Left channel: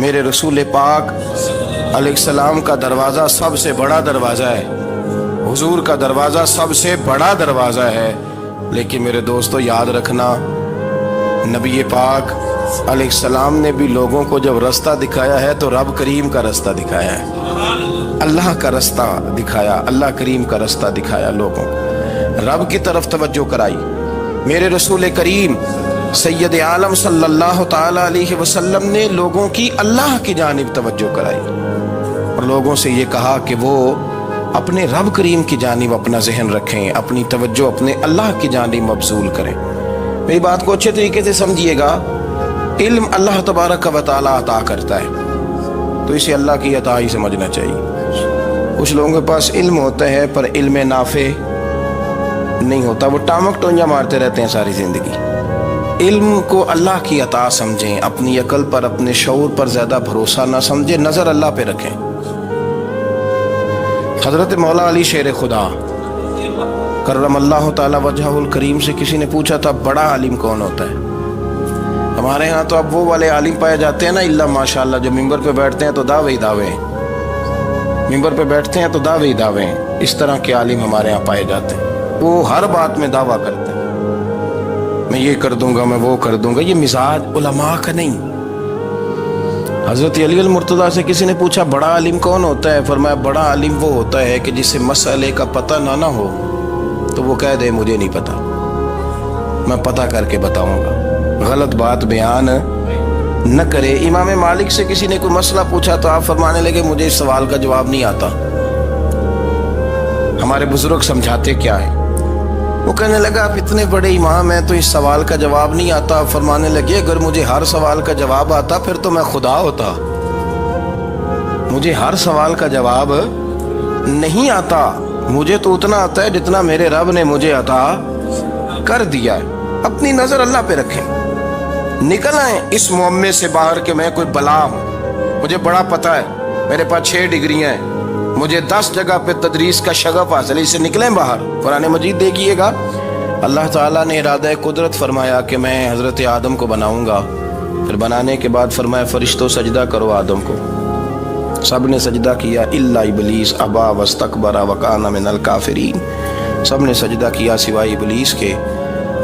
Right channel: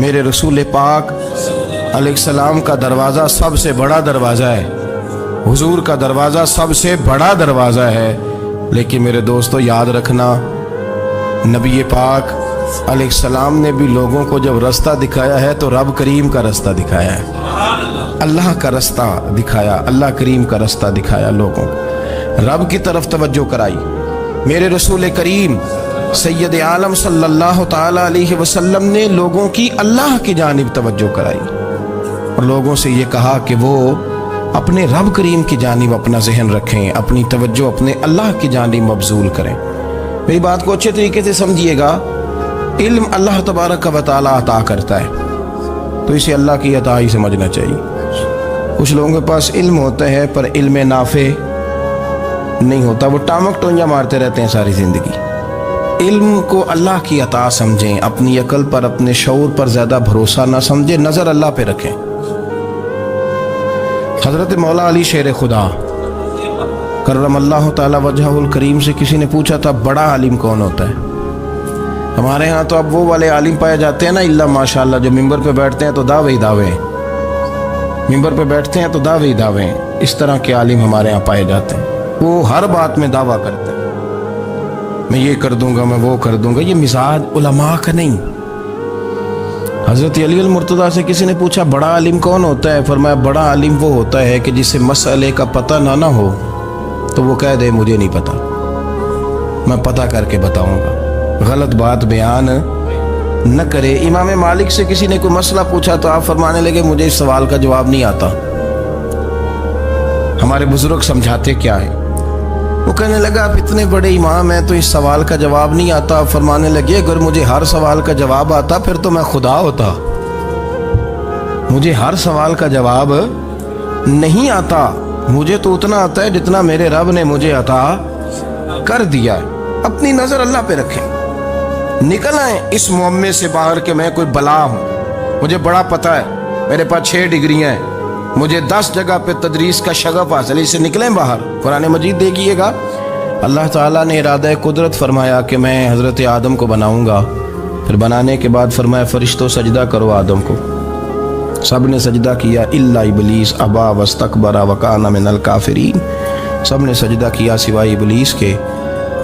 میرے رسول پاک علیہ السلام کا دروازہ سب سے بڑا دروازہ ہے، حضور کا دروازہ سب سے بڑا دروازہ ہے، لیکن میرے دوستو یاد رکھنا، نبی پاک علیہ السلام نے بھی لوگوں کو جب رستہ دکھایا ہے تو رب کریم کا رستہ دکھایا ہے، اللہ کا رستہ دکھایا، اللہ کریم کا رستہ دکھایا، لوگوں کو رب کی طرف توجہ کرائی۔ میرے رسول کریم سید عالم صلی اللہ تعالی علیہ وسلم نے لوگوں کی اللہ کی جانب توجہ کرائی اور لوگوں سے یہ کہا کہ وہ اپنے رب کریم کی جانب اپنا ذہن رکھیں، اپنی توجہ اپنے اللہ کی جانب مبذول کریں۔ میری بات کو اچھے طریقے سے سمجھیے گا، علم اللہ تبارک و تعالی عطا کرتا ہے تو اسے اللہ کی عطا ہی سمجھنا چاہیے۔ کچھ لوگوں کے پاس علم ہوتا ہے پر علم نافع نہیں ہوتا، وہ ٹامک ٹونجا مارتے رہتے ہیں ساری زندگی۔ علم کو اللہ کی عطا سمجھیں، اپنی عقل پر اپنے شعور پر زیادہ بھروسہ نہ سمجھیں، نظر اللہ پہ رکھیں۔ حضرت مولا علی شیر خدا کرم اللہ تعالی وجہہ الکریم سے کسی نے پوچھا تھا بڑا عالم کون ہوتا ہے؟ ہمارے ہاں تو اب وہ والے عالم پائے جاتے ہیں نا، اللہ ماشاءاللہ، جو ممبر پہ بیٹھتے ہیں تو دعوے ہی دعوے ہیں، ممبر پہ بیٹھتے ہیں تو دعوے ہی دعوے ہیں، اس طرح کے عالم ہمارے ہاں پائے جاتے ہیں۔ وہ ہر بات میں دعویٰ کرتے ہیں، میں یہ کر دوں گا، میں وہ کر دوں گا۔ یہ مزاج علماء کا نہیں۔ حضرت علی المرتضیٰ سے کسی نے پوچھا بڑا عالم کون ہوتا ہے؟ فرمایا بڑا عالم وہ ہوتا ہے کہ جسے مسئلے کا پتہ نہ ہو تو وہ کہہ دے مجھے نہیں پتا، میں پتہ کر کے بتاؤں گا، غلط بات بیان نہ کرے۔ امام مالک سے کسی نے کوئی مسئلہ پوچھا تو آپ فرمانے لگے مجھے اس سوال کا جواب نہیں آتا، ہمارے بزرگ سمجھاتے کیا ہے؟ وہ کہنے لگا آپ اتنے بڑے امام ہیں تو اس سوال کا جواب نہیں آتا۔ فرمانے لگے اگر مجھے ہر سوال کا جواب آتا پھر تو میں خدا ہوتا، مجھے ہر سوال کا جواب نہیں آتا، مجھے تو اتنا آتا ہے جتنا میرے رب نے مجھے عطا کر دیا ہے۔ اپنی نظر اللہ پہ رکھیں، نکل آئیں اس معمے سے باہر کہ میں کوئی بلا ہوں، مجھے بڑا پتہ ہے، میرے پاس 6 ڈگریاں ہیں، مجھے 10 جگہ پہ تدریس کا شغف حاصل ہے، اس سے نکلیں باہر۔ قرآن مجید دیکھیے گا، اللہ تعالیٰ نے ارادہ قدرت فرمایا کہ میں حضرت آدم کو بناؤں گا، پھر بنانے کے بعد فرمایا فرشتوں سجدہ کرو آدم کو، سب نے سجدہ کیا الا ابلیس ابا واستکبر وکان من الکافرین، سب نے سجدہ کیا سوائے ابلیس کے،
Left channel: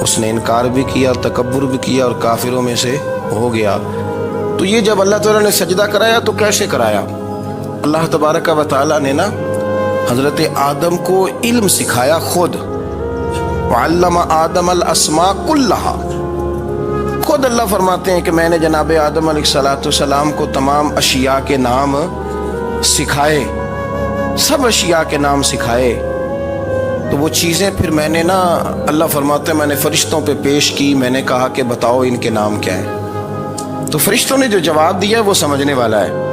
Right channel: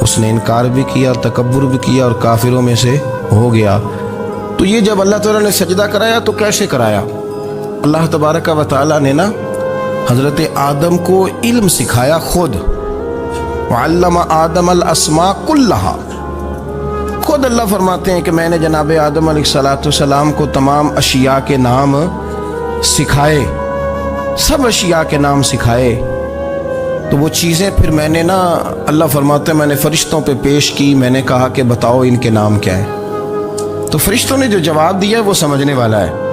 اس نے انکار بھی کیا، تکبر بھی کیا اور کافروں میں سے ہو گیا۔ تو یہ جب اللہ تعالیٰ نے سجدہ کرایا تو کیسے کرایا؟ اللہ تبارک و تعالیٰ نے نا حضرت آدم کو علم سکھایا خود، وعلم آدم الاسماء کلہا، خود اللہ فرماتے ہیں کہ میں نے جناب آدم علیہ السلام کو تمام اشیاء کے نام سکھائے، سب اشیاء کے نام سکھائے۔ تو وہ چیزیں پھر میں نے نا، اللہ فرماتے ہیں میں نے فرشتوں پہ پیش کی، میں نے کہا کہ بتاؤ ان کے نام کیا ہے، تو فرشتوں نے جو جواب دیا وہ سمجھنے والا ہے۔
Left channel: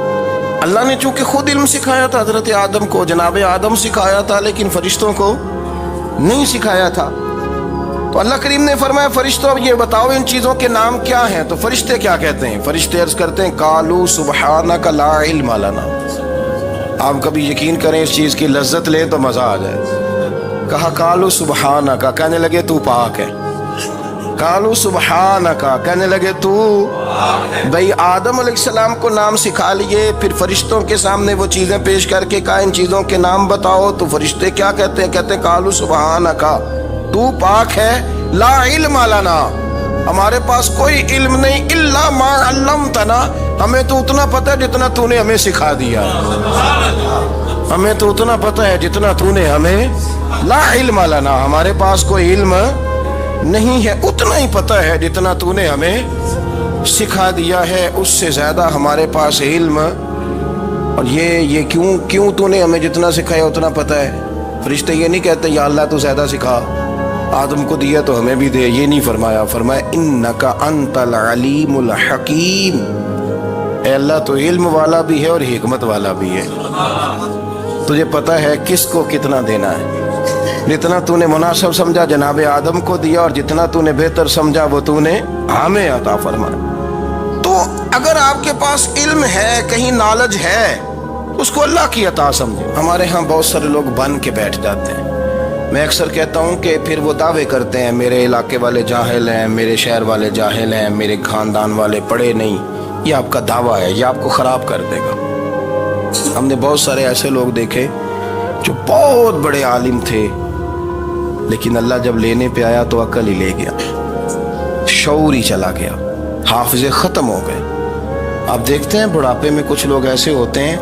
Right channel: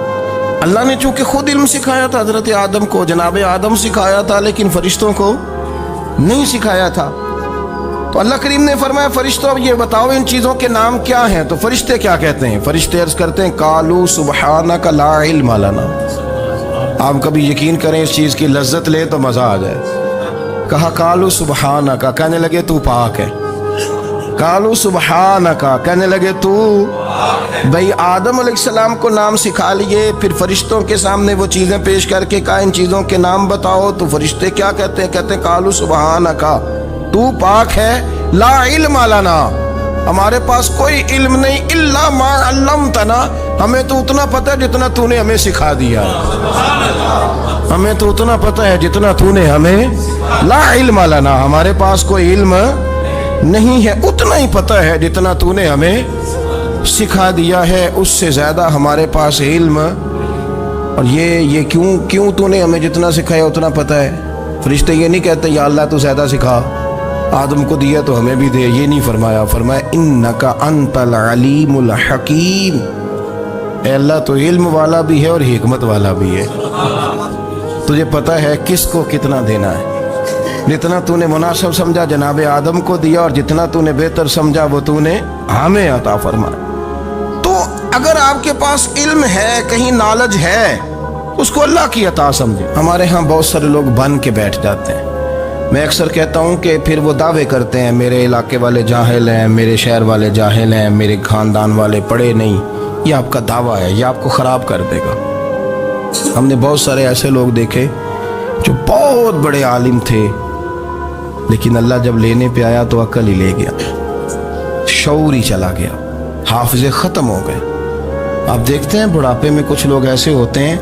اللہ نے چونکہ خود علم سکھایا تھا حضرت آدم کو، جناب آدم سکھایا تھا، لیکن فرشتوں کو نہیں سکھایا تھا۔ تو اللہ کریم نے فرمایا فرشتوں اب یہ بتاؤ ان چیزوں کے نام کیا ہیں؟ تو فرشتے کیا کہتے ہیں؟ فرشتے عرض کرتے ہیں قالوا سبحانک لا علم لنا۔ آپ کبھی یقین کریں اس چیز کی لذت لیں تو مزہ آ جائے۔ کہا قالوا سبحانک، کہنے لگے تو پاک ہے، قالوا سبحانک، کہنے لگے تو بھئی آدم علیہ السلام کو نام سکھا لیے، پھر فرشتوں کے سامنے وہ چیزیں پیش کر کے کہا ان چیزوں کے نام بتاؤ، تو فرشتے کیا کہتے ہیں؟ کہتے ہیں قالوا سبحانک، تو پاک ہے، لا علم لنا، ہمارے پاس کوئی علم نہیں، الا ما علمتنا، ہمیں تو اتنا پتہ ہے جتنا تو نے ہمیں سکھا دیا، ہمیں تو اتنا پتہ ہے جتنا تو نے ہمیں، لا علم لنا، ہمارے پاس کوئی علم نہیں ہے، اتنا ہی پتہ ہے جتنا تو نے ہمیں سکھا دیا ہے، اس سے زیادہ ہمارے پاس علم۔ اور یہ کیوں تو نے ہمیں جتنا سکھایا اتنا پتہ ہے؟ فرشتے یہ نہیں کہتے یا اللہ تو زیادہ سکھا، آدم کو دیا تو ہمیں بھی دے، یہ نہیں فرمایا، فرمایا انک انت العلیم الحکیم، اے اللہ تو علم والا بھی ہے اور حکمت والا بھی ہے، تجھے پتہ ہے کس کو کتنا دینا ہے، جتنا تو نے مناسب سمجھا جناب آدم کو دیا، اور جتنا تو نے بہتر سمجھا وہ تو نے ہمیں عطا فرمایا۔ تو اگر آپ کے پاس علم ہے، کہیں نالج ہے، اس کو اللہ کی عطا سمجھے۔ ہمارے ہاں بہت سارے لوگ بن کے بیٹھ جاتے ہیں، میں اکثر کہتا ہوں کہ پھر وہ دعوے کرتے ہیں میرے علاقے والے جاہل ہیں، میرے شہر والے جاہل ہیں، میرے خاندان والے پڑھے نہیں، یہ آپ کا دعویٰ ہے، یہ آپ کو خراب کر دے گا۔ ہم نے بہت سارے ایسے لوگ دیکھے جو بہت بڑے عالم تھے، لیکن اللہ جب لینے پہ آیا تو عقل ہی لے گیا، شعور ہی چلا گیا، حافظے ختم ہو گئے۔ آپ دیکھتے ہیں بڑھاپے میں کچھ لوگ ایسے ہوتے ہیں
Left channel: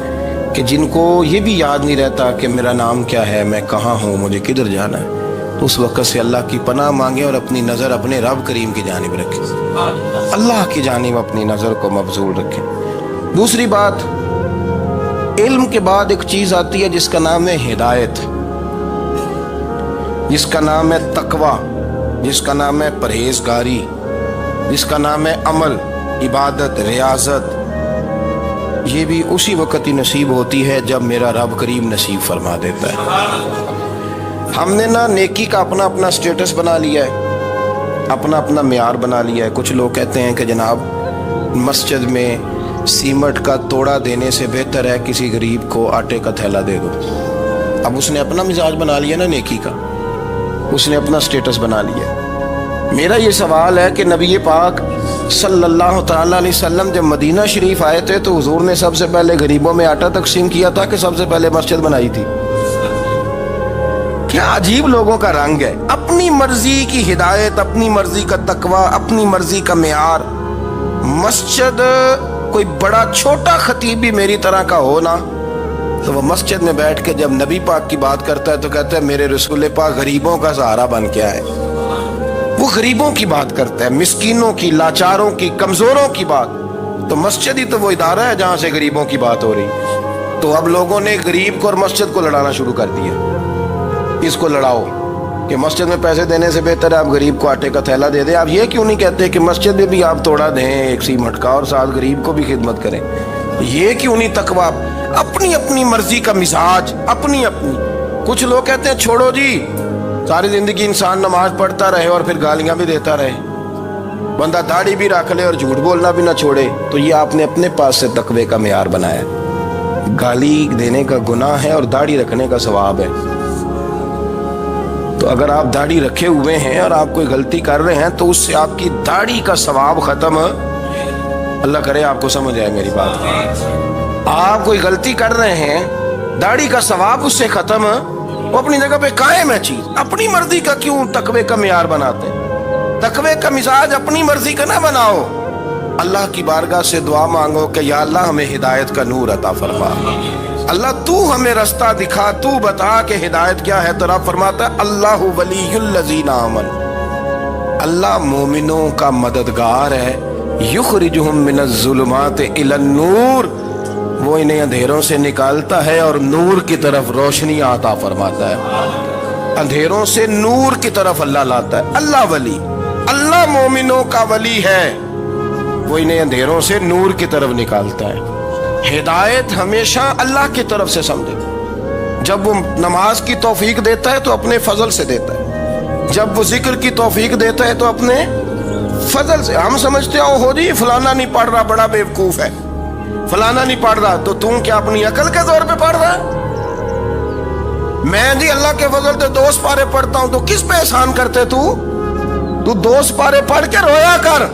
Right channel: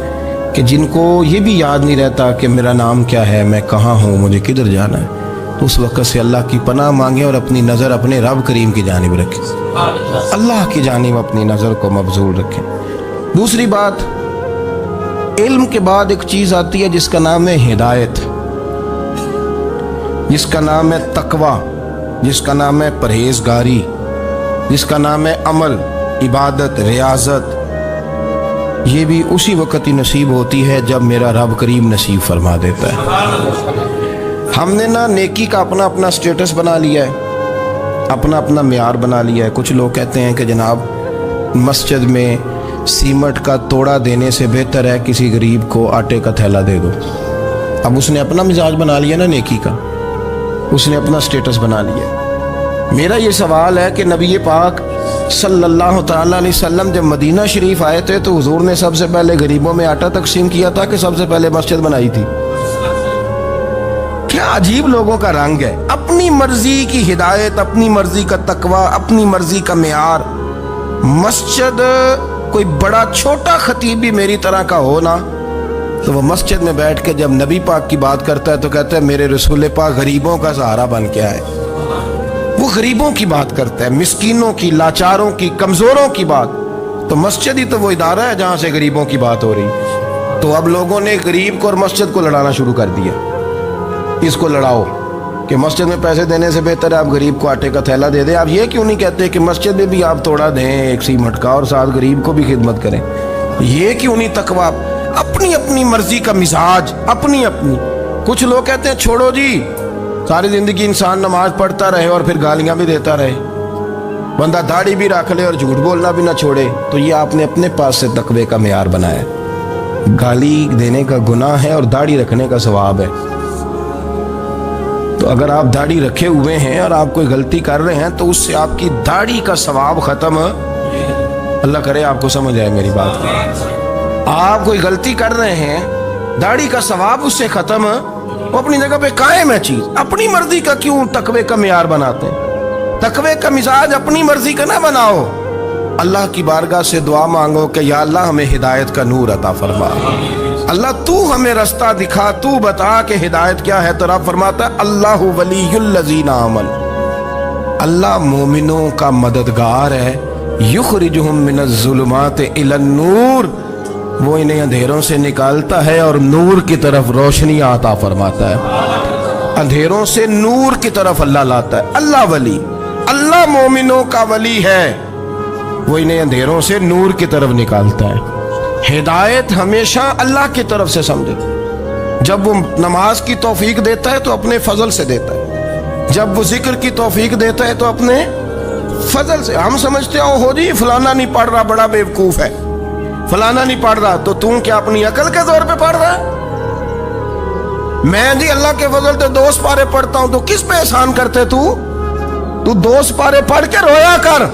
کہ جن کو یہ بھی یاد نہیں رہتا کہ میرا نام کیا ہے، میں کہاں ہوں، مجھے کدھر جانا ہے۔ تو اس وقت سے اللہ کی پناہ مانگیں اور اپنی نظر اپنے رب کریم کی جانب رکھیں، اللہ کی جانب اپنی نظر کو مبذول رکھیں۔ دوسری بات، علم کے بعد ایک چیز آتی ہے جس کا نام ہے ہدایت، جس کا نام ہے تقوی، جس کا نام ہے پرہیزگاری، جس کا نام ہے عمل، عبادت، ریاضت۔ یہ بھی اسی وقت ہی نصیب ہوتی ہے جب میرا رب کریم نصیب فرما دیتا ہے۔ ہم نے نا نیکی کا اپنا اپنا سٹیٹس بنا لیا ہے، اپنا اپنا معیار بنا لیا ہے۔ کچھ لوگ کہتے ہیں کہ جناب مسجد میں سیمٹ کا توڑا دینے سے بہتر ہے کسی غریب کو آٹے کا تھیلا دے دو۔ اب اس نے اپنا مزاج بنا لیا نا نیکی کا، اس نے اپنا سٹیٹس بنا لیا۔ میرا یہ سوال ہے کہ نبی پاک صلی اللہ تعالیٰ علیہ وسلم جب مدینہ شریف آئے تھے تو حضور نے سب سے پہلے غریبوں میں آٹا تقسیم کیا تھا کہ سب سے پہلے مسجد بنائی تھی؟ کیا عجیب لوگوں کا رنگ ہے، اپنی مرضی کی ہدایت، اپنی مرضی کا تقوی، اپنی مرضی کا معیار۔ مسجد کوئی بڑا چھوٹا خطیب بھی میری طرح کا ہو نا تو وہ مسجد میں بیٹھ کے جب نبی پاک کی بات کرتا ہے تو کہتا ہے میرے رسول پاک غریبوں کا سہارا بن کے آئے۔ وہ غریبوں کی بات کرتا ہے، مسکینوں کی، لاچاروں کی، کمزوروں کی بات۔ تو مسجد ہی تو وہ ادارہ ہے جہاں سے غریبوں کی بات ہو رہی۔ تو اب لوگوں نے غریب کو اور مسجد کو لڑانا شروع کر دیا، اس کو لڑاؤ کہ مسجد میں پیسے دینے سے بہتر ہے آپ غریب کو آٹے کا تھیلا دے دیں۔ آپ یہ کیوں نہیں کہتے کہ مسجد میں بھی آپ توڑا دیں ایک سیمٹ کا اور ساتھ غریب کو بھی خدمت کریں؟ یہ کیوں نہیں تقویٰ؟ اپنی اپنی مرضی کا مزاج، اپنی اپنی۔ کچھ لوگ کہتے ہیں چھوڑو جی، ساری زندگی انسان نماز پڑھتا رہے اور پھر گالیاں بھی دیتا رہے، بندہ داڑھی بھی رکھ لے اور جھوٹ بولنا بھی نہ چھوڑے۔ تو یہ آپ نے اپنے پاس سے تقوی کا معیار بنایا۔ گالی دینے کا گناہ ہے اور داڑھی رکھنے کا ثواب ہے۔ تو اگر آپ داڑھی رکھے ہوئے ہیں اور آپ کوئی غلطی کر رہے ہیں تو اس سے آپ کی داڑھی کا ثواب ختم، اللہ کرے آپ کو سمجھ آئے میری بات۔ آپ کوئی غلطی کر رہے ہیں، داڑھی کا ثواب اس سے ختم، وہ اپنی جگہ پہ قائم ہے چیز۔ اپنی مرضی کا کیوں تقوی کا معیار بناتے ہیں؟ تقوی کا مزاج اپنی مرضی کا نہ بناؤ۔ اللہ کی بارگاہ سے دعا مانگو کہ یا اللہ ہمیں ہدایت کا نور عطا فرما، اللہ تو ہمیں رستہ دکھا، تو بتا کہ ہدایت کیا ہے۔ تو رب فرماتا ہے اللہ ولی الذین آمنوا، اللہ مومنوں کا مددگار ہے، یخرجہم من الظلمات الی النور، وہ انہیں اندھیروں سے نکالتا ہے اور نور کی طرف روشنی عطا فرماتا ہے۔ اندھیروں سے نور کی طرف اللہ لاتا ہے۔ اللہ ولی، اللہ مومنوں کا ولی ہے، وہ انہیں اندھیروں سے نور کی طرف نکالتا ہے۔ ہدایت ہمیشہ اللہ کی طرف سے سمجھے۔ جب وہ نماز کی توفیق دیتا ہے تو اپنے فضل سے دیتا ہے، جب وہ ذکر کی توفیق دیتا ہے تو اپنے فضل سے۔ ہم سمجھتے ہو جی فلانا نہیں پڑھ رہا بڑا بیوقوف ہے، فلانا نہیں پڑھ رہا، تو تم کیا اپنی عقل کے زور پہ پڑھ رہا ہے؟ میں جی اللہ کے فضل سے 2 سپارے پڑھتا ہوں، تو کس پہ احسان کرتے تو 2 سپارے پڑھ کے رویا کر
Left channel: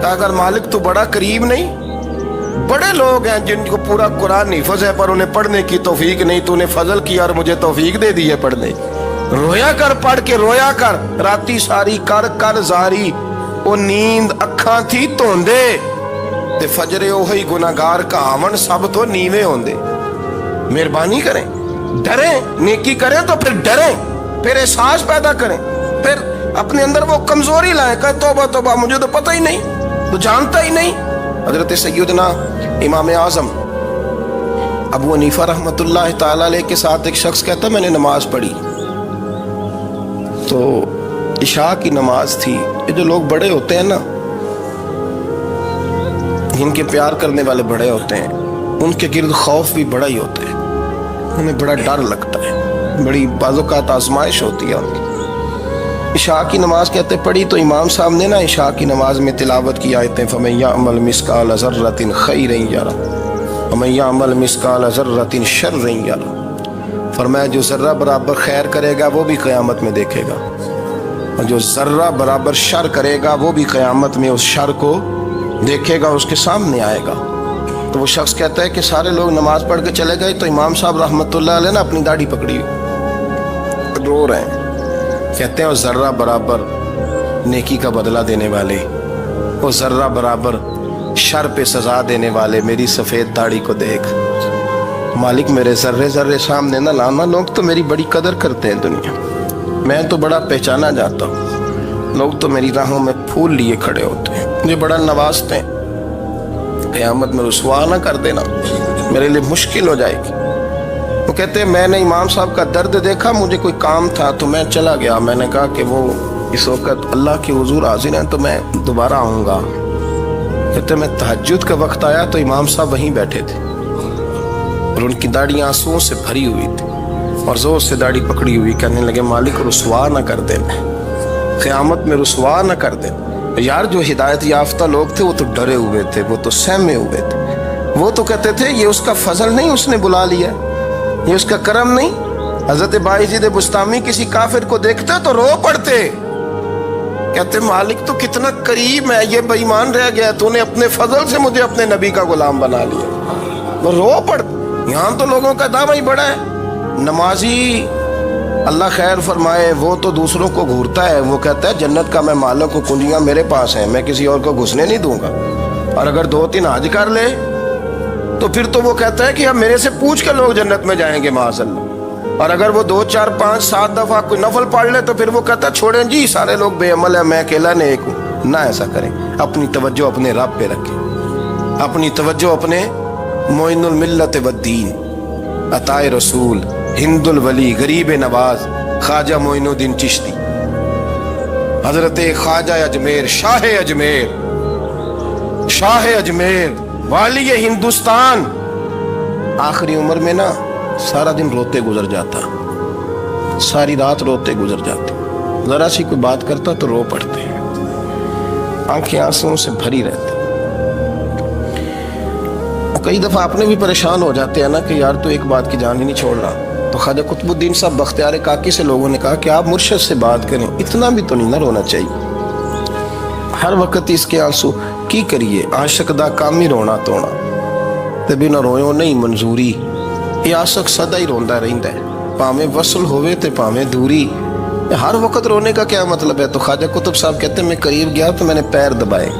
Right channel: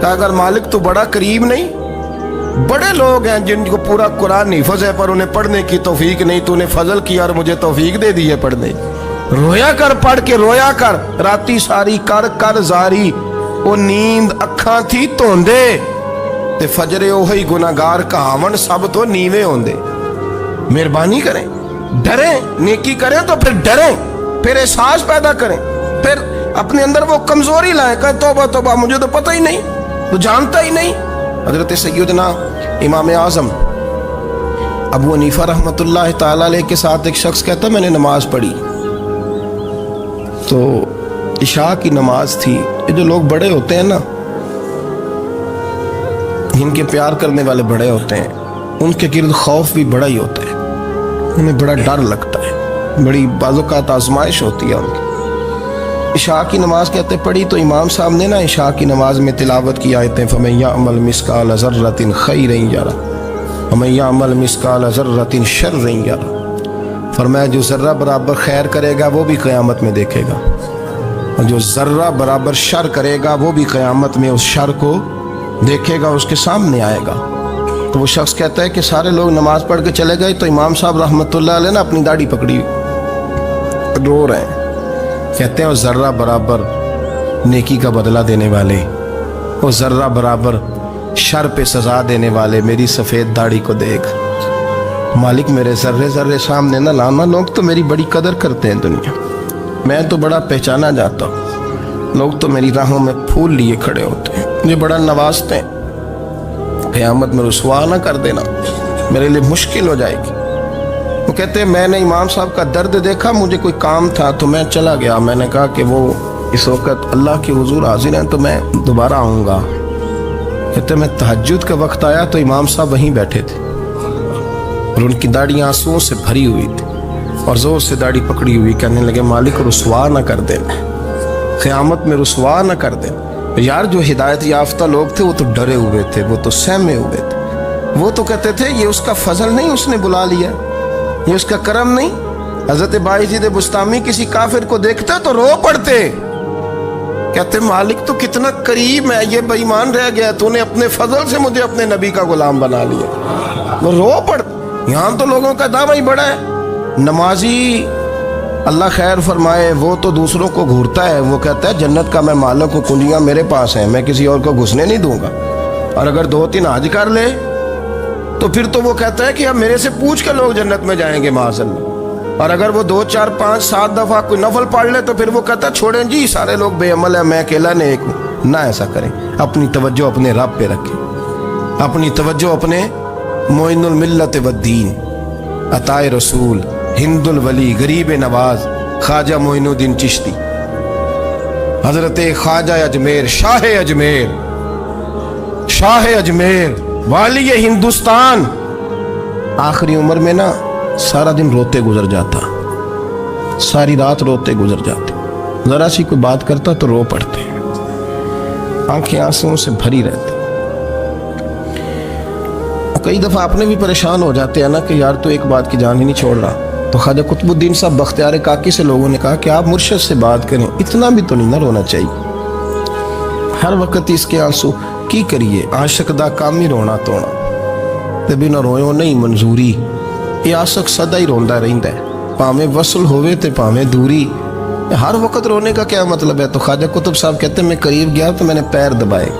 کہ اگر مالک تو بڑا کریم نہیں۔ بڑے لوگ ہیں جن کو پورا قرآن حفظ ہے پر انہیں پڑھنے کی توفیق نہیں، تو انہیں فضل کیا اور مجھے توفیق دے دی ہے پڑھنے۔ رویا کر، پڑھ کے رویا کر، راتی ساری کر کر زاری، وہ نیند اکھاں تھی توندے تے فجرے اوہی گناہگار کہاون سب تو نیوے ہوندے۔ مہربانی کریں، ڈریں، نیکی کریں تو پھر ڈریں، پھر احساس پیدا کریں، پھر اپنے اندر وہ کمزوری لائیں کہ توبہ توبہ مجھے تو پتہ ہی نہیں، تو جانتا ہی نہیں۔ حضرت سیدنا امام اعظم ابو حنیفہ رحمۃ اللہ تعالی علیہ کے ساتھ ایک شخص کہتا میں نے نماز پڑھی تو عشاء کی نماز تھی۔ یہ جو لوگ بڑے ہوتے ہیں نا، ان کے پیار کرنے والے بڑے ہوتے ہیں، ان کے گرد خوف بھی بڑا ہی ہوتا ہے، انہیں بڑا ڈر لگتا ہے، بڑی بعض اوقات آزمائش ہوتی ہے ان کی۔ عشاء کی نماز کہتے پڑھی تو امام صاحب نے نا عشاء کی نماز میں تلاوت کی آیتیں فَمَن يَعْمَلْ مِثْقَالَ ذَرَّةٍ خَيْرًا يَرَهُ وَمَن يَعْمَلْ مِثْقَالَ ذَرَّةٍ شَرًّا يَرَهُ، فرمایا جو ذرہ برابر خیر کرے گا وہ بھی قیامت میں دیکھے گا، اور جو ذرہ برابر شر کرے گا وہ بھی قیامت میں اس شر کو دیکھے گا اس کے سامنے آئے گا. تو وہ شخص کہتا ہے کہ سارے لوگ نماز پڑھ کے چلے گئے تو امام صاحب رحمۃ اللہ علیہ نے اپنی داڑھی پکڑی رو رہے ہیں. کہتے ہیں وہ ذرہ برابر نیکی کا بدلہ دینے والے، وہ ذرہ برابر شر پہ سزا دینے والے میری سفید داڑھی کو دیکھ. مالک میرے ذرے ذرے سامنے نہ لانا، لوگ تو میری بڑی قدر کرتے ہیں دنیا، میں تو بڑا پہچانا جاتا ہوں، لوگ تو میری راہوں میں پھول لیے کھڑے ہوتے ہیں، مجھے بڑا نوازتے ہیں. قیامت میں رسوا نہ کر دینا، میرے لیے مشکل ہو جائے گی. وہ کہتے ہیں میں نے امام صاحب کا درد دیکھا، مجھے کوئی کام تھا تو میں چلا گیا. میں نے کہا کہ وہ اس وقت اللہ کے حضور حاضر ہیں تو میں دوبارہ آؤں گا. کہتے ہیں میں تہجد کا وقت آیا تو امام صاحب وہیں بیٹھے تھے اور ان کی داڑھی آنسوؤں سے بھری ہوئی تھی اور زور سے داڑھی پکڑی ہوئی. کہنے لگے مالک رسوا نہ کر دینا، قیامت میں رسوا نہ کر دینا. یار جو ہدایت یافتہ لوگ تھے وہ تو ڈرے ہوئے تھے، وہ تو سہمے ہوئے تھے. وہ تو کہتے تھے یہ اس کا فضل نہیں، اس نے بلا لیا، یہ اس کا کرم نہیں. حضرت بایزید بستامی کسی کافر کو دیکھتے تو رو پڑتے، کہتے مالک تو کتنا قریب ہے، یہ بے ایمان رہ گیا، تو نے اپنے فضل سے مجھے اپنے نبی کا غلام بنا لیا. وہ رو پڑ. یہاں تو لوگوں کا دعویٰ ہی بڑا ہے. نمازی اللہ خیر فرمائے وہ تو دوسروں کو گھورتا ہے، وہ کہتا ہے جنت کا میں مالک ہوں، کنجیاں میرے پاس ہیں، میں کسی اور کو گھسنے نہیں دوں گا. اور اگر 2-3 حج کر لے تو پھر تو وہ کہتا ہے کہ اب میرے سے پوچھ کے لوگ جنت میں جائیں گے معاذ اللہ. اور اگر وہ 2 4 5 7 دفعہ کوئی نفل پڑھ لے تو پھر وہ کہتا ہے چھوڑیں جی سارے لوگ بے عمل ہیں، میں اکیلا نیک ہوں. نہ ایسا کریں، اپنی توجہ اپنے رب پہ رکھیں، اپنی توجہ اپنے معین الملت والدین، عطا رسول، ہند الولی، غریب نواز، خواجہ معین الدین چشتی، حضرت خواجہ اجمیر، شاہ اجمیر، شاہ اجمیر، والی ہندوستان. آخری عمر میں نا سارا دن روتے گزر جاتا، ساری رات روتے گزر جاتے، ذرا سی کوئی بات کرتا تو رو پڑتے، آنکھیں آنسوؤں سے بھری رہتی. کئی دفعہ اپنے بھی پریشان ہو جاتے ہیں نا کہ یار تو ایک بات کی جان ہی نہیں چھوڑ رہا. تو خواجہ قطب الدین صاحب بختیار کاکی سے لوگوں نے کہا کہ آپ مرشد سے بات کریں، اتنا بھی تو نہیں نہ رونا چاہیے، ہر وقت اس کے آنسو کی کریے. عاشق دا کام ہی رونا توڑا تے بنا رویوں نہیں منظوری. یہ عاشق سدا ہی روندا رہندا ہے، پاویں وصل ہوئے تے پاویں دوری. ہر وقت رونے کا کیا مطلب ہے؟ تو خواجہ قطب صاحب کہتے ہیں میں قریب گیا تو میں نے پیر دبائے،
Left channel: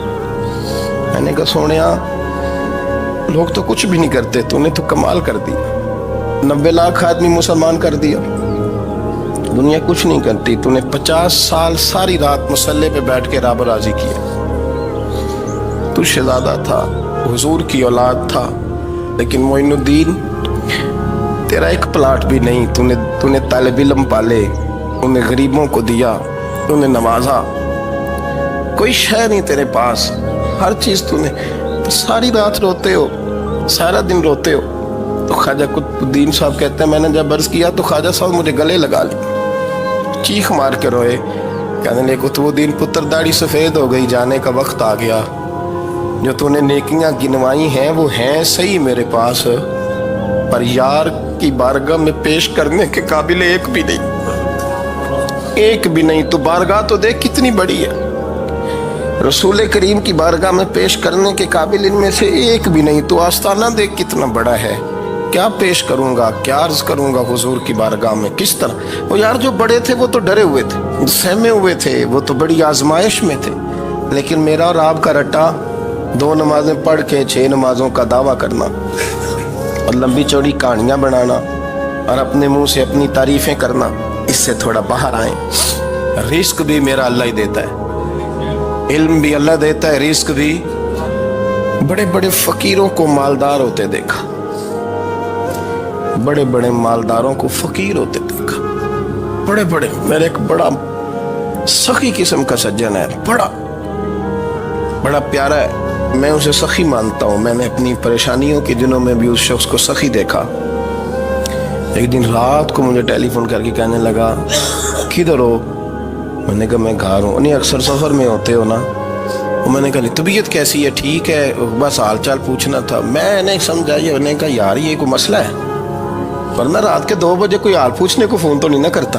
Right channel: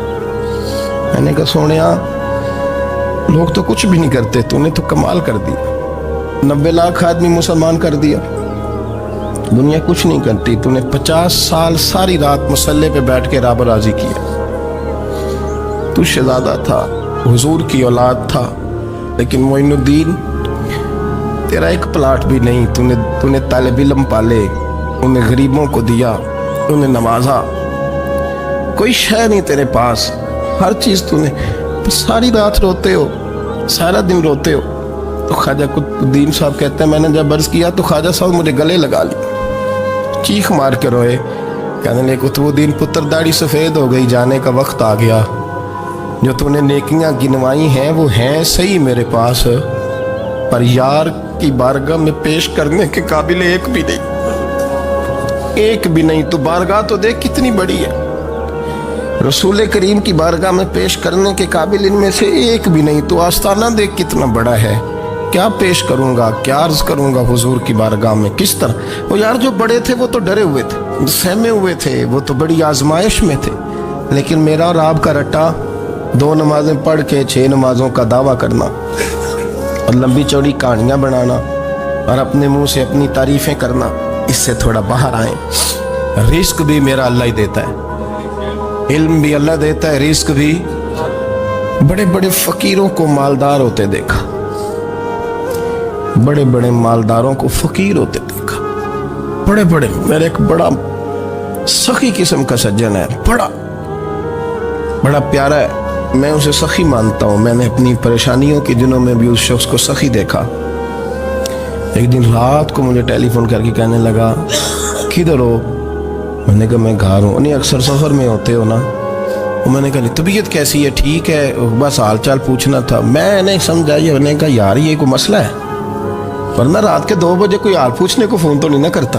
میں نے کہا سونیا لوگ تو کچھ بھی نہیں کرتے، تو نے تو کمال کر دیا. 90 لاکھ آدمی مسلمان کر دیا، دنیا کچھ نہیں کرتی. تو نے 50 سال ساری رات مسلح پہ بیٹھ کے رب راضی کیا. تو شہزادہ تھا، حضور کی اولاد تھا، لیکن معین الدین تیرا ایک پلاٹ بھی نہیں. تو نے طالب علم پالے، انہیں غریبوں کو دیا، انہیں نوازا، کوئی شے نہیں تیرے پاس، ہر چیز تو نے. ساری رات روتے ہو، سارا دن روتے ہو. تو خواجہ قطب الدین صاحب کہتے ہیں میں نے جب عرض کیا تو خواجہ صاحب مجھے گلے لگا لی، چیخ مار کے روئے. کہنے لگے قطب الدین پتر داڑھی سفید ہو گئی، جانے کا وقت آ گیا. جو تو نے نیکیاں گنوائی ہیں وہ ہیں صحیح میرے پاس، پر یار کی بارگاہ میں پیش کرنے کے قابل ایک بھی نہیں، ایک بھی نہیں. تو بارگاہ تو دیکھ کتنی بڑی ہے، رسول کریم کی بارگاہ میں پیش کرنے کے قابل ان میں سے ایک بھی نہیں. تو آستانہ دیکھ کتنا بڑا ہے، کیا پیش کروں گا، کیا عرض کروں گا حضور کی بارگاہ میں، کس طرح. وہ یار جو بڑے تھے وہ تو ڈرے ہوئے تھے، سہمے ہوئے تھے، وہ تو بڑی آزمائش میں تھے. لیکن میرا اور آپ کا رٹا 2 نمازیں پڑھ کے 6 نمازوں کا دعویٰ کرنا اور لمبی چوڑی کہانیاں بنانا اور اپنے منہ سے اپنی تعریفیں کرنا، اس سے تھوڑا باہر آئیں. رزق بھی میرا اللہ ہی دیتا ہے، علم بھی اللہ دیتا ہے، رزق بھی. بڑے بڑے فقیروں کو مالدار ہوتے دیکھا، بڑے بڑے مالداروں کو فقیر ہوتے دیکھا. بڑے بڑے، میرے ایک بڑا سخی قسم کا سجن ہے، بڑا پیارا ہے، میں اسے سخی مانتا ہوں. میں نے اپنی پریشانیوں کے دنوں میں بھی اس شخص کو سخی دیکھا. ایک دن رات کو مجھے ٹیلی فون کر کے کہنے لگا کدھر ہو؟ میں نے کہا میں گھر ہوں. انہیں اکثر سفر میں ہوتے ہو نا. میں نے کہا طبیعت کیسی ہے؟ ٹھیک ہے، بس حال چال پوچھنا تھا. میں نے سمجھائی، میں نے کہا یار یہ کوئی مسئلہ ہے، ورنہ رات کے 2 بجے کوئی حال پوچھنے کو فون تو نہیں نہ کرتا.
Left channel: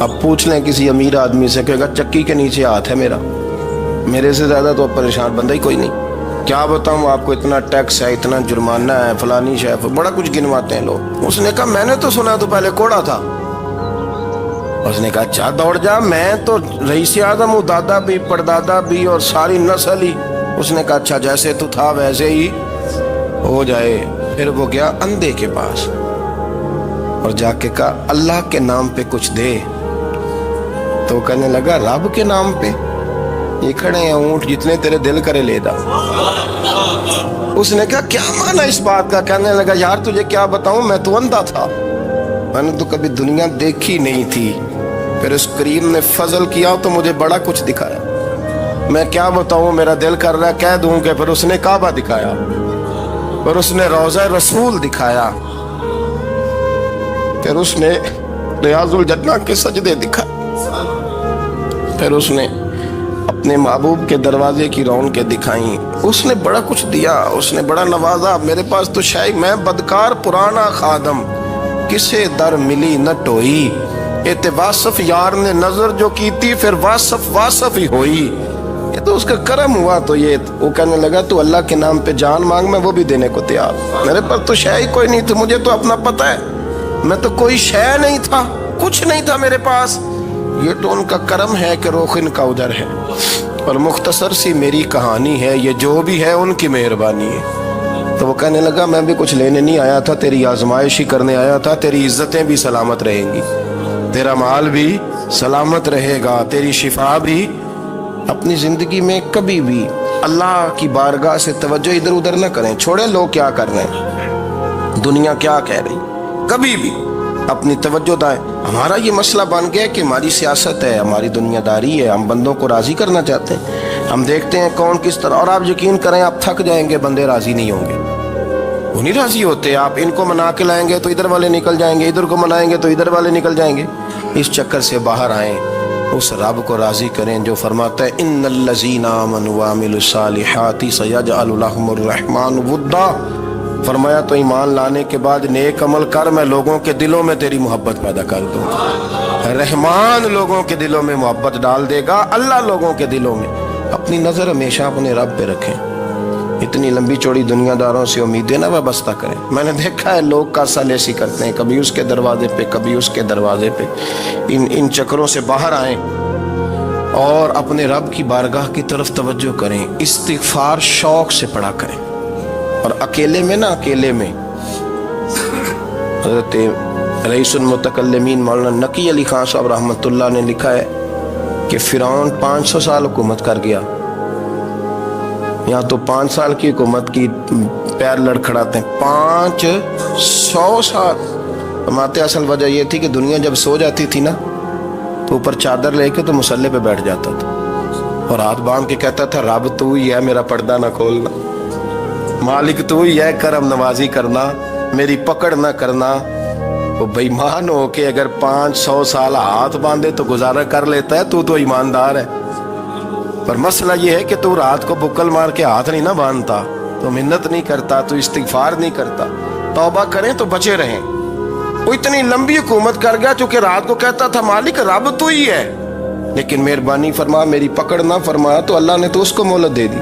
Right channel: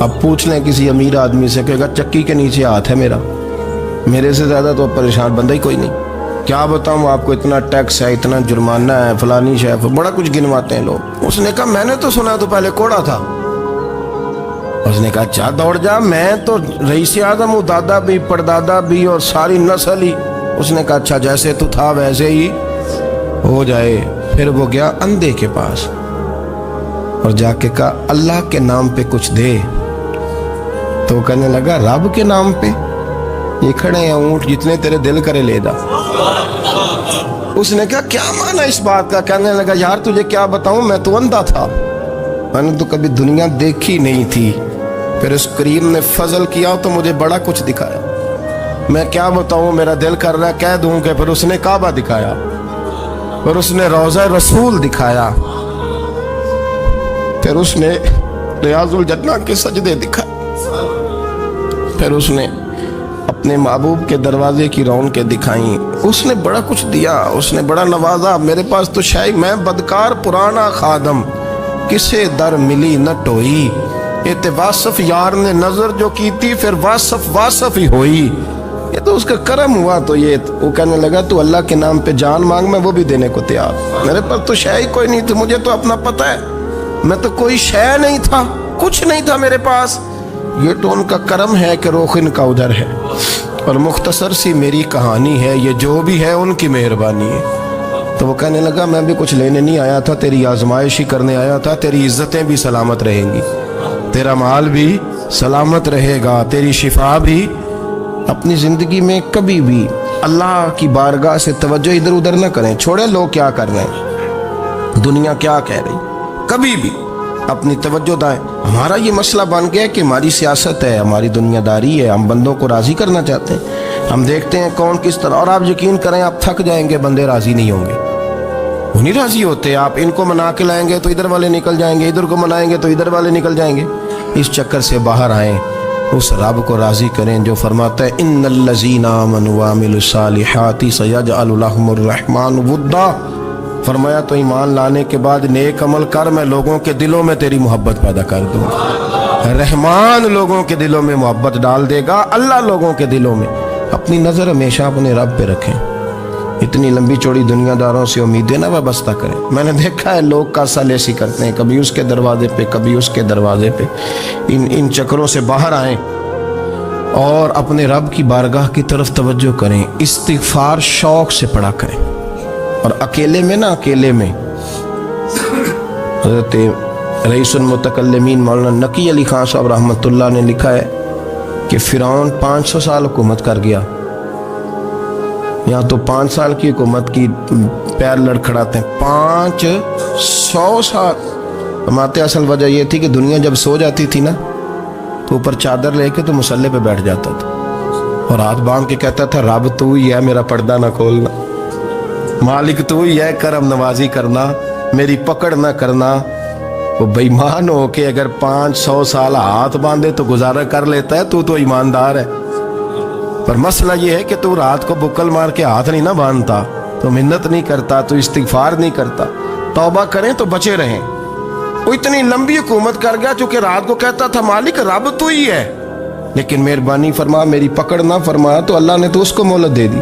اب پوچھ لیں کسی امیر آدمی سے، کہے گا چکی کے نیچے ہاتھ ہے میرا، میرے سے زیادہ تو پریشان بندہ ہی کوئی نہیں۔ کیا بتاؤں آپ کو، اتنا ٹیکس ہے، اتنا جرمانہ ہے، فلانی شے، بڑا کچھ گنواتے ہیں لوگ۔ اس نے کہا میں نے تو سنا تو پہلے کوڑا تھا۔ اس نے کہا اچھا دوڑ جا، میں تو رئیس اعظم ہوں، دادا بھی پردادا بھی اور ساری نسل ہی۔ اس نے کہا اچھا جیسے تو تھا ویسے ہی ہو جائے۔ پھر وہ گیا اندھے کے پاس اور جا کے کہا اللہ کے نام پہ کچھ دے۔ تو کہنے لگا رب کے نام پہ؟ یہ کھڑے ہیں اونٹ جتنے تیرے دل کرے لے دا۔ اس نے کہا کیا معنی اس بات کا؟ کہنے لگا یار تجھے کیا بتاؤں، میں تو اندھا تھا، میں نے تو کبھی دنیا دیکھی نہیں تھی، پھر اس کریم نے فضل کیا تو مجھے بڑا کچھ دکھایا۔ میں کیا بتاؤں، میرا دل کر رہا ہے کہہ دوں کہ پھر اس نے کعبہ دکھایا، پھر اس نے روضہ رسول دکھایا، پھر اس نے ریاض الجنہ کے سجدے دکھائے، پھر اس نے اپنے محبوب کے دروازے کی رونقیں دکھائیں۔ اس نے بڑا کچھ دیا، اس نے بڑا نوازا۔ میرے پاس تو شاید میں بدکار پرانا خادم، کسے در ملی نہ ٹوئی، ایت واصف یار نے نظر جو کی تھی، پھر واصف ہی ہوئی۔ یہ تو اس کا کرم ہوا۔ تو یہ وہ کہنے لگا تو اللہ کے نام پہ جان مانگ، میں وہ بھی دینے کو تیار۔ میرے پاس تو شے ہی کوئی نہیں تھی، مجھے تو اپنا پتہ ہے، میں تو کوئی شے نہیں تھا، کچھ نہیں تھا میرے پاس۔ یہ تو ان کا کرم ہے کہ رخ ان کا ادھر ہے، اور مختصر سی میری کہانی ہے، یہ جو بھی ہے ان کی مہربانی ہے۔ تو وہ کہنے لگا میں بھی کچھ لینے نہیں آیا تھا، تیری آزمائش ہی کرنے آیا تھا، تیری عزتیں بھی سلامت رہیں گی، تیرا مال بھی سلامت رہے گا، تیری شفا بھی۔ اپنی زندگی میں کبھی بھی اللہ کی بارگاہ سے توجہ ادھر ادھر نہ کریں، چھوڑیں لوگ کیا کر رہے ہیں، دنیا کیا کہہ رہی، کبھی بھی اپنی توجہ دائیں۔ ہمارا یہ مسئلہ بن گیا کہ ہماری سیاست ہے، ہماری دنیا داری ہے، ہم بندوں کو راضی کرنا چاہتے ہیں، ہم دیکھتے ہیں کون کس طرح، اور آپ یقین کریں آپ تھک جائیں گے، بندے راضی نہیں ہوں گے، وہ نہیں راضی ہوتے۔ آپ ان کو منا کے لائیں گے تو ادھر والے نکل جائیں گے، ادھر کو منائیں گے تو ادھر والے نکل جائیں گے۔ اس چکر سے باہر آئیں، اس رب کو راضی کریں جو فرماتا ہے ان الذین آمنوا وعملوا الصالحات سیجعل لهم الرحمن ودا۔ فرمایا تو ایمان لانے کے بعد نیک عمل کر، میں لوگوں کے دلوں میں تیری محبت پیدا کر دوں گا۔ رحمان لوگوں کے دلوں میں محبت ڈال دے گا، اللہ لوگوں کے دلوں میں۔ اپنی نظر ہمیشہ اپنے رب پہ رکھیں، اتنی لمبی چوڑی دنیا داروں سے امیدیں نہ وابستہ کریں۔ میں نے دیکھا ہے لوگ کاسا لیسی کرتے ہیں، کبھی اس کے دروازے پہ کبھی اس کے دروازے پہ۔ ان چکروں سے باہر آئیں اور اپنے رب کی بارگاہ کی طرف توجہ کریں، استغفار شوق سے پڑھا کریں، اور اکیلے میں نہ، اکیلے میں۔ حضرت رئیس المتکلمین مولانا نقی علی خان صاحب رحمۃ اللہ نے لکھا ہے کہ فرعون 500 سال حکومت کر گیا، یہاں تو 5 سال کی حکومت کی پیر لڑکھڑاتے ہیں، 500 سال۔ فرماتے اصل وجہ یہ تھی کہ دنیا جب سو جاتی تھی نا تو اوپر چادر لے کے تو مصلے پہ بیٹھ جاتا تھا اور ہاتھ باندھ کے کہتا تھا رب تو ہی ہے، میرا پردہ نہ کھولنا، مالک تو ہی ہے، کرم نوازی کرنا، میری پکڑ نہ کرنا۔ وہ بے ایمان ہو کے اگر 500 سال ہاتھ باندھے تو گزارا کر لیتا ہے، تو ایماندار ہے۔ پر مسئلہ یہ ہے کہ تو رات کو بکل مار کے ہاتھ نہیں نہ باندھتا، تو منت نہیں کرتا، تو استغفار نہیں کرتا۔ توبہ کریں تو بچے رہیں۔ وہ اتنی لمبی حکومت کر گیا چونکہ رات کو کہتا تھا مالک رب تو ہی ہے، لیکن مہربانی فرما، میری پکڑ نہ فرمایا تو اللہ نے تو اس کو مہلت دے دی۔